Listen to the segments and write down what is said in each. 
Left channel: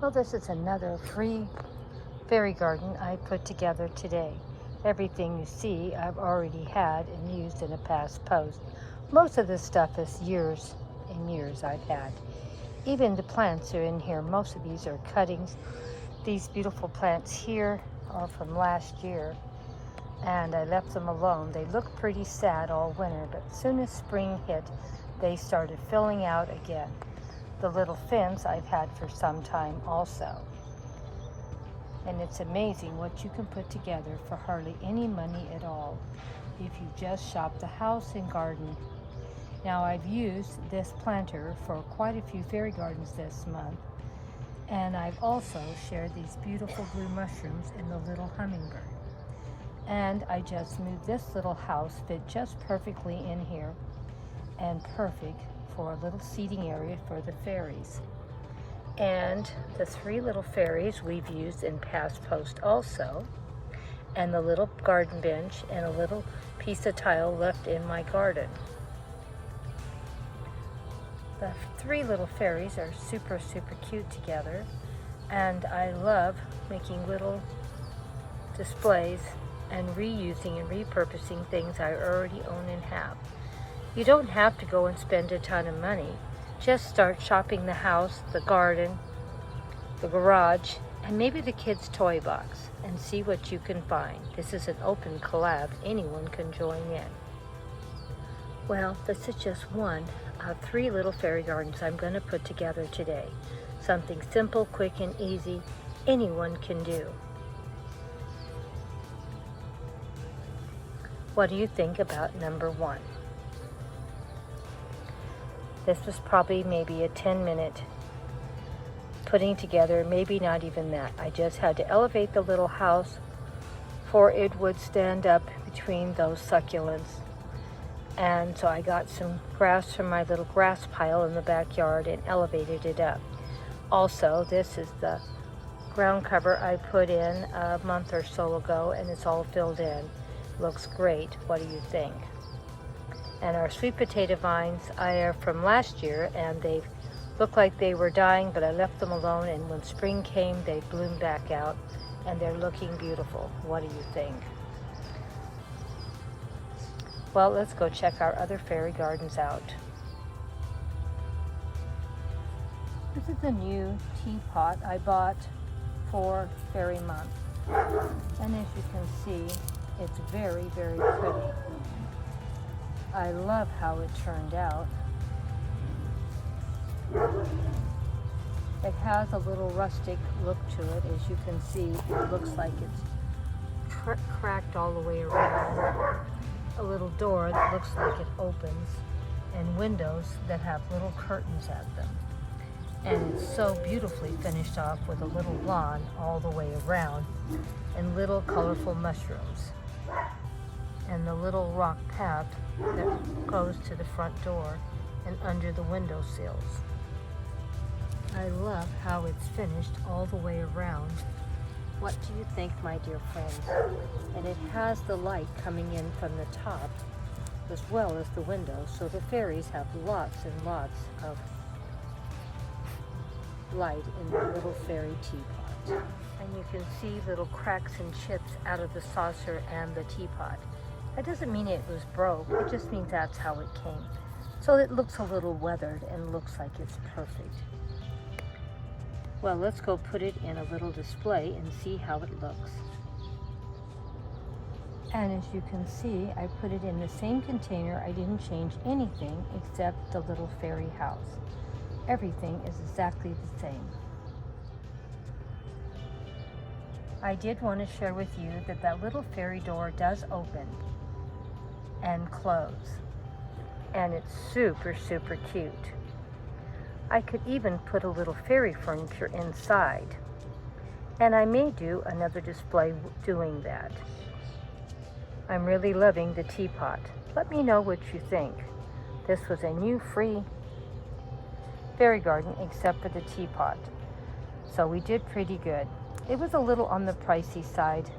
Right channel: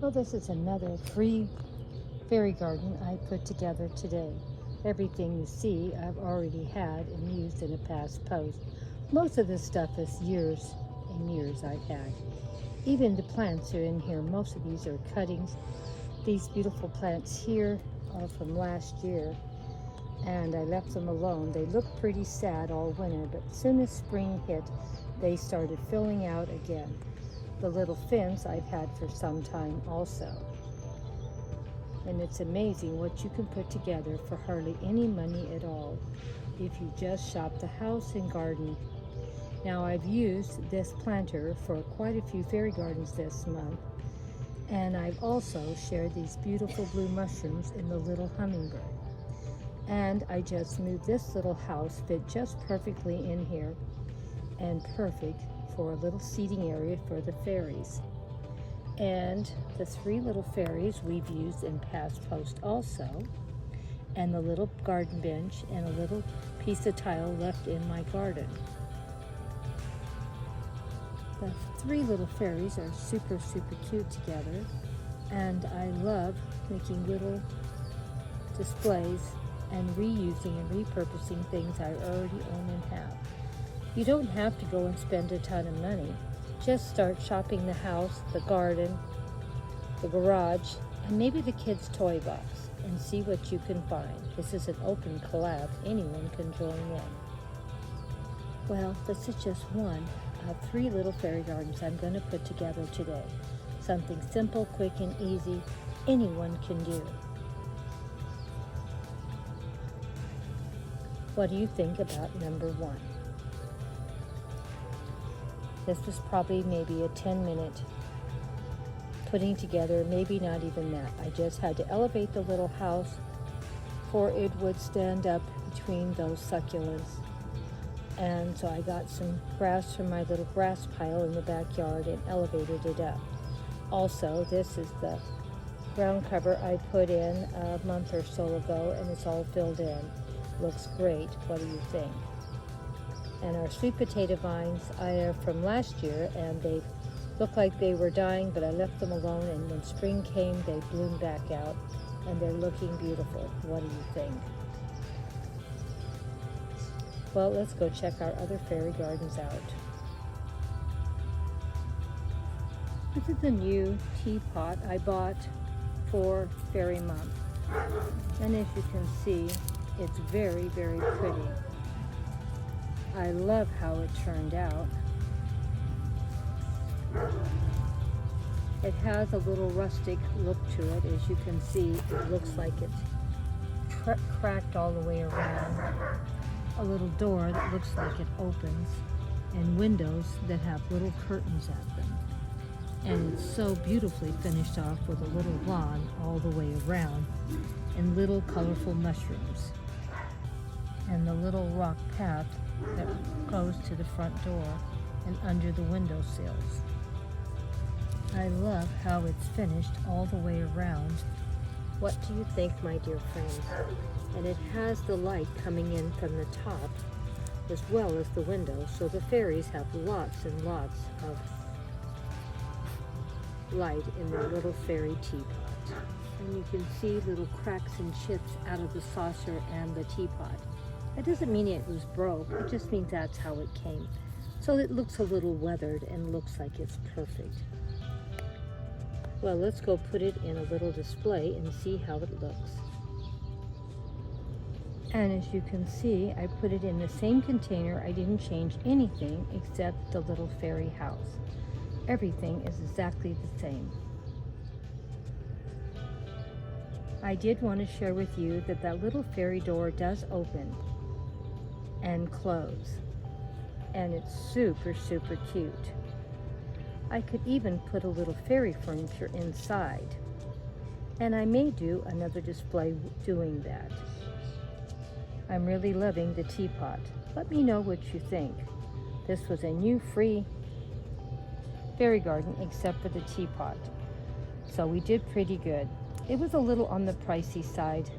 Well, this is another free fairy garden I put together today. Everything you see I've already had and used in a past post. Most of this stuff is years and years I've had. Even the plants are in here. Most of these are cuttings. These beautiful plants here are from last year, and I left them alone. They looked pretty sad all winter, but as soon as spring hit, they started filling out again. The little fence I've had for some time also. And it's amazing what you can put together for hardly any money at all if you just shop the house and garden. Now, I've used this planter for quite a few fairy gardens this month, and I've also shared these beautiful blue mushrooms in the little hummingbird. And I just moved this little house, fit just perfectly in here, and perfect for a little seating area for the fairies. And the 3 little fairies we've used in past posts also, and the little garden bench and a little piece of tile left in my garden. The 3 little fairies are super cute together, and I love making little displays and reusing and repurposing things I already own and have. You don't have to go and spend a ton of money. Just start shopping the house, the garden, the garage, and maybe the kids' toy box, and see what you can find. This is an open collab. Anyone can join in. Well, this is just one of 3 little fairy gardens I'm going to put together today. Something simple, quick, and easy anyone can do. What do you think about number 1? This was probably maybe a 10-minute putting together, maybe not even that. I just had to elevate the little house for it would stand up between those succulents. And so I got some grass from my little grass pile in the backyard and elevated it up. Also, this is the ground cover I put in a month or so ago, and it's all filled in. Looks great. What do you think? And our sweet potato vines are from last year, and they look like they were dying, but I left them alone, and when spring came, they bloomed back out, and they're looking beautiful. What do you think? Well, let's go check our other fairy gardens out. This is a new teapot I bought for Fairy Month, and as you can see, it's very pretty. I love how it turned out. It has a little rustic look to it. As you can see, it looks like it's cracked all the way around. A little door that looks like it opens, and windows that have little curtains at them. And it's so beautifully finished off with a little lawn all the way around, and little colorful mushrooms, and the little rock path that goes to the front door and under the window sills. I love how it's finished all the way around. What do you think, my dear friends? And it has the light coming in from the top as well as the window, so the fairies have lots and lots of light in the little fairy teapot. And you can see little cracks and chips out of the saucer and the teapot. That doesn't mean it was broke, it just means that's how it came. So it looks a little weathered and looks like it's perfect. Well, let's go put it in a little display and see how it looks. And as you can see, I put it in the same container. I didn't change anything except the little fairy house. Everything is exactly the same. I did want to share with you that that little fairy door does open and close, and it's super cute. I could even put a little fairy furniture inside, and I may do another display doing that. I'm really loving the teapot. Let me know what you think. This was a new free fairy garden except for the teapot, so we did pretty good. It was a little on the pricey side,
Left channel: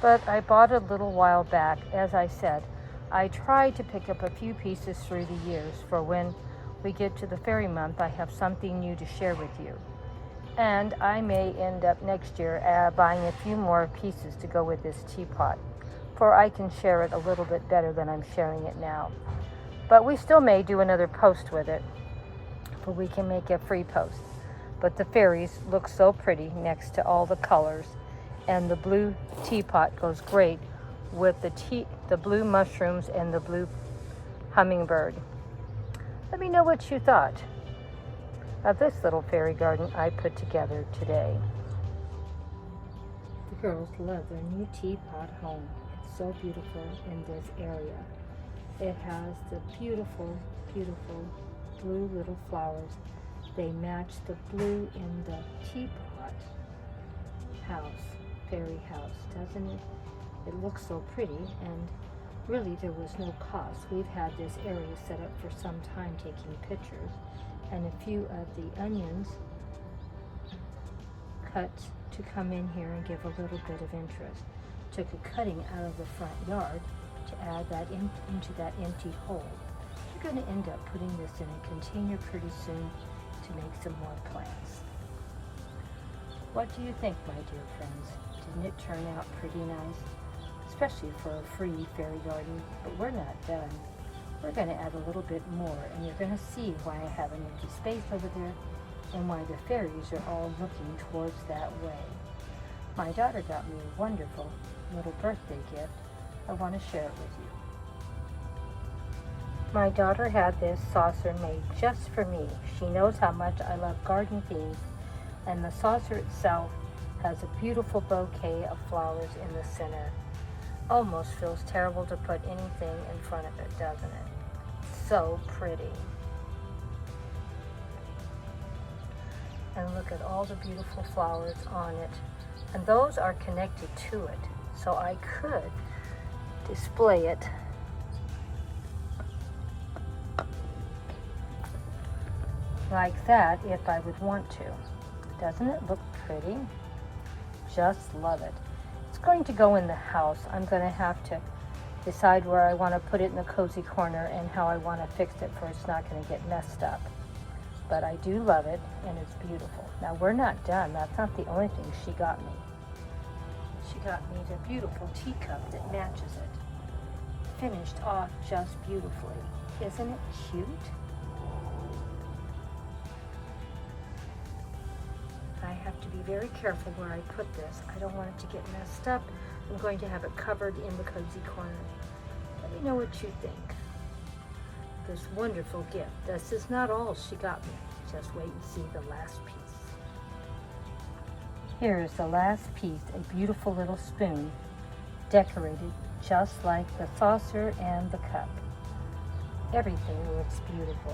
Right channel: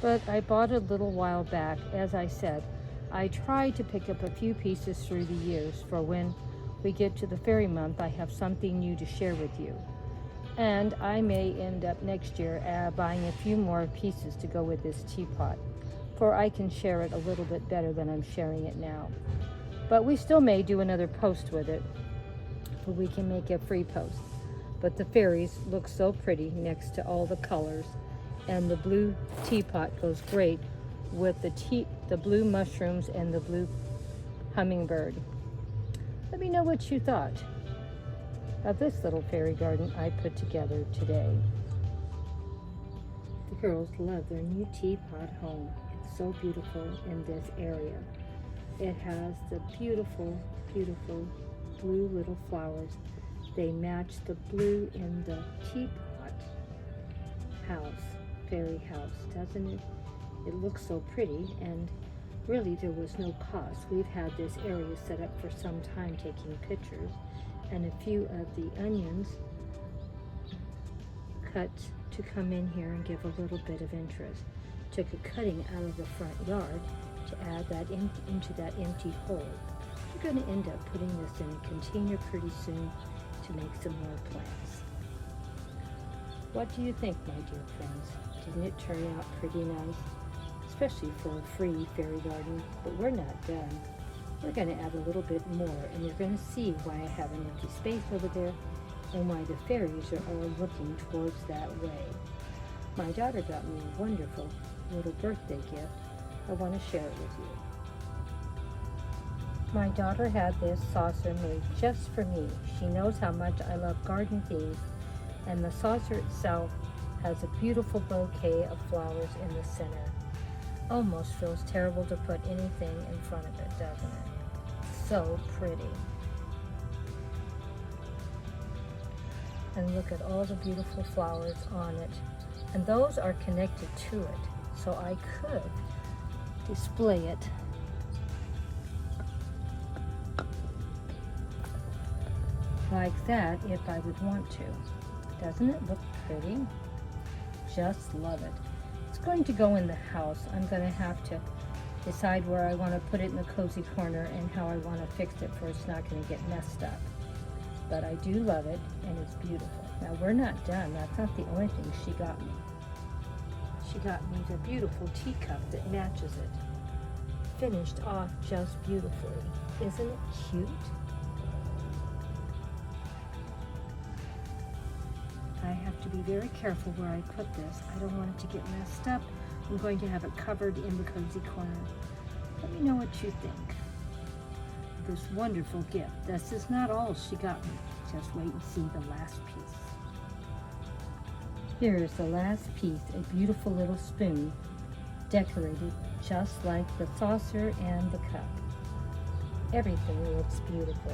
but I bought it a little while back. As I said, I tried to pick up a few pieces through the years for when we get to the fairy month, I have something new to share with you. And I may end up next year buying a few more pieces to go with this teapot, for I can share it a little bit better than I'm sharing it now. But we still may do another post with it, for we can make a free post. But the fairies look so pretty next to all the colors, and the blue teapot goes great with the blue mushrooms and the blue hummingbird. Let me know what you thought of this little fairy garden I put together today. The girls love their new teapot home. It's so beautiful in this area. It has the beautiful, beautiful blue little flowers. They match the blue in the teapot house, fairy house, doesn't it? It looks so pretty, and really there was no cost. We've had this area set up for some time taking pictures, and a few of the onions cut to come in here and give a little bit of interest. Took a cutting out of the front yard to add that into that empty hole. We're going to end up putting this in a container pretty soon to make some more plants. What do you think, my dear friends? Didn't it turn out pretty nice? Especially for a free fairy garden, but we're not done. We're going to add a little bit more, and you're going to see why I have an empty space over there and why the fairies are all looking towards that way. My daughter got me a wonderful little birthday gift. I want to share it with you. My daughter had this saucer made just for me. She knows how much I love garden themes, and the saucer itself has a beautiful bouquet of flowers in the center. Almost feels terrible to put anything in front of it, doesn't it? So pretty. And look at all the beautiful flowers on it. And those are connected to it. So I could display it like that if I would want to. Doesn't it look pretty? Just love it. It's going to go in the house. I'm going to have to decide where I want to put it in the cozy corner and how I want to fix it for it's not going to get messed up. But I do love it, and it's beautiful. Now we're not done. That's not the only thing she got me. She got me the beautiful teacup that matches it. Finished off just beautifully. Isn't it cute? I have to be very careful where I put this. I don't want it to get messed up. I'm going to have it covered in the cozy corner. Let me know what you think. This wonderful gift. This is not all she got me. Just wait and see the last piece. Here is the last piece, a beautiful little spoon, decorated just like the saucer and the cup. Everything looks beautiful.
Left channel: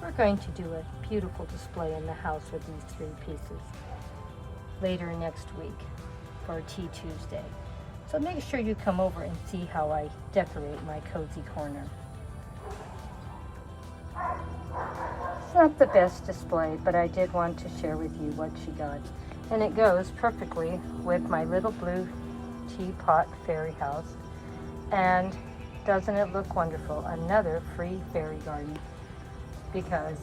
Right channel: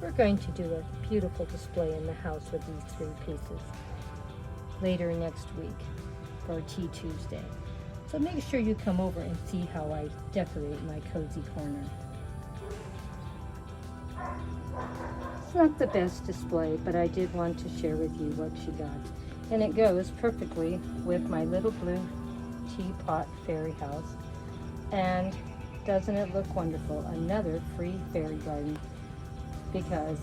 We're going to do a beautiful display in the house with these 3 pieces later next week for Tea Tuesday. So make sure you come over and see how I decorate my cozy corner. It's not the best display, but I did want to share with you what she got. And it goes perfectly with my little blue teapot fairy house. And doesn't it look wonderful? Another free fairy garden, because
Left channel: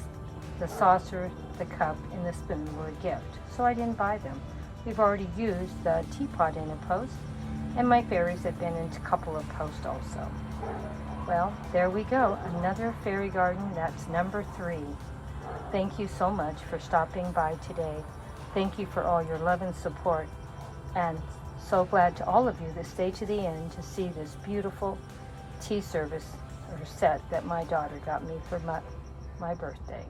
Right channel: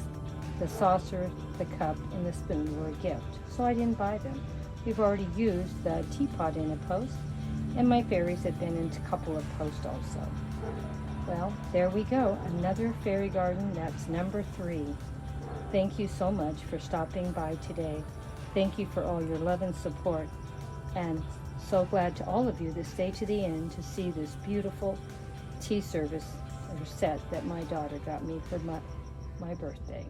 the saucer, the cup, and the spoon were a gift. So I didn't buy them. We've already used the teapot in a post, and my fairies have been in a couple of posts also. Well, there we go. Another fairy garden. That's number 3. Thank you so much for stopping by today. Thank you for all your love and support. And so glad to all of you that stay to the end to see this beautiful tea service or set that my daughter got me for my birthday.